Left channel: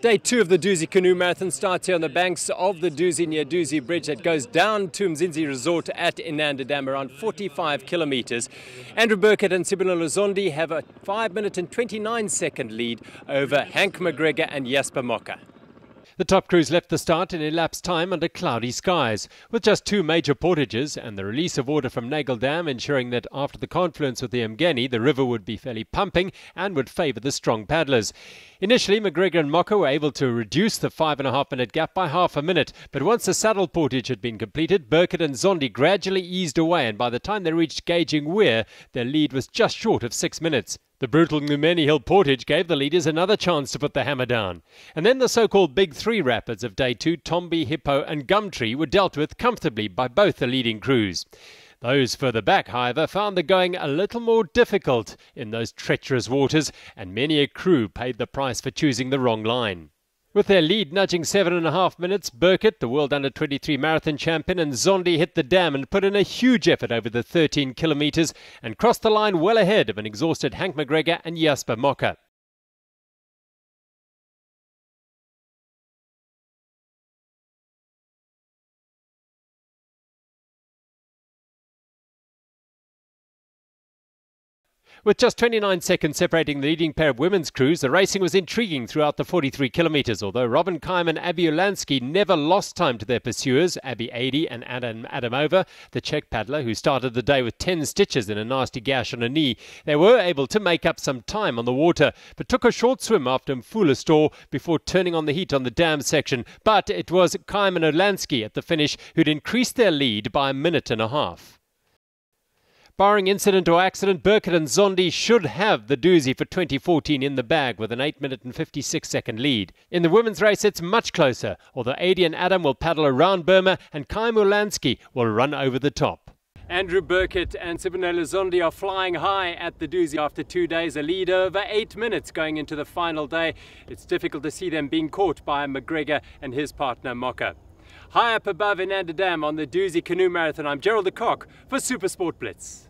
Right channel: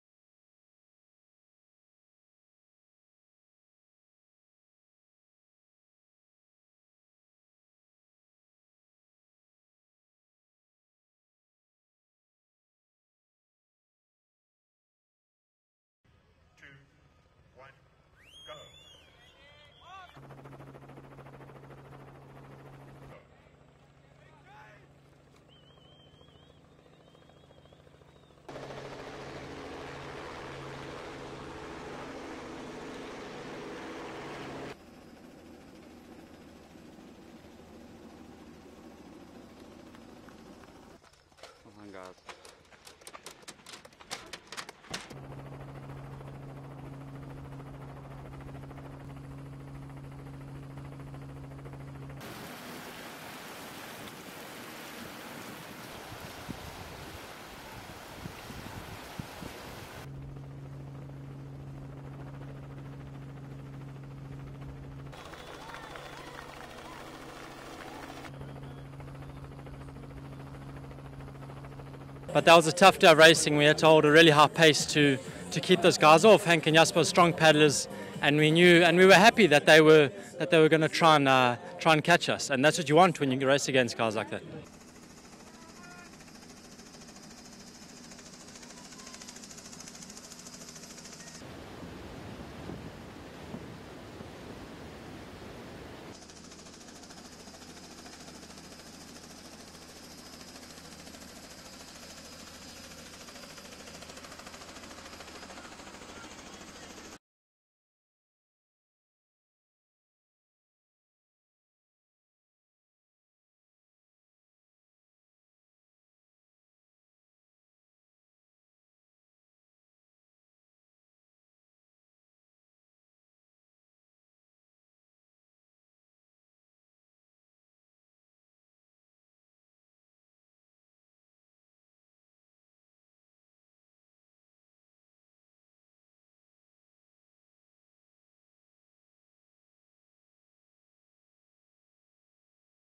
Day 2 of the Dusi Canoe Marathon starts here on the banks of the Dusi near Dusi Bridge that goes down to Mzinzi Resort at Inanda Dam, around 45 kilometers. Andrew Burkett and Sibonelo Zondi have a 5-minute and 29-second lead over Hank McGregor and Jasper Mocker. The top crews left the start in elapsed time under cloudy skies, with just 2 major portages and the release of water from Nagle Dam ensuring that after the confluence with the Mgeni, the river would be fairly pumping and would favour the strong paddlers. Initially, McGregor and Mocker were able to reduce the 5.5-minute gap by half a minute, but once the saddle portage had been completed, Burkett and Zondi gradually eased away, and by the time they reached Gauging Weir, their lead was just short of 6 minutes. The brutal Ngumeni Hill portage gave the leaders another chance to put the hammer down. And then the so-called Big Three rapids of Day 2, Tombi, Hippo and Gumtree, were dealt with comfortably by both the leading crews. Those further back, however, found the going a little more difficult in those treacherous waters, and many a crew paid the price for choosing the wrong line. With their lead nudging 7.5 minutes, Burkett, the World Under-23 Marathon champion, and Zondi hit the dam and put in a huge effort over the 13 kilometres and crossed the line well ahead of an exhausted Hank McGregor and Jasper Mocker. But that was a tough day of racing. We had to hold a really high pace to keep those guys off. Hank and Jasper were strong paddlers, and we knew and we were happy that they were going to try and catch us, and that's what you want when you race against guys like that. With just 29 seconds separating the leading pair of women's crews, the racing was intriguing throughout the 43 kilometres, although Robin Keim and Abby Olansky never lost time to their pursuers, Abby Ady and Adam Adamova, the Czech paddler who started the day with 10 stitches and a nasty gash on her knee. They were able to make up some time on the water, but took a short swim after Mfula Store before turning on the heat on the dam section. But it was Keim and Olansky at the finish who'd increased their lead by 1.5 minutes. Barring incident or accident, Burkett and Zondi should have the Dusi for 2014 in the bag with an 8-minute and 56-second lead. In the women's race, it's much closer, although Adi and Adam will paddle around Burma and Keim Olansky will run over the top. Andrew Burkett and Sibonelo Zondi are flying high at the Dusi after 2 days, a lead over 8 minutes going into the final day. It's difficult to see them being caught by McGregor and his partner Mocker. High up above Inanda Dam on the Dusi Canoe Marathon, I'm Gerald the Cock for SuperSport Blitz.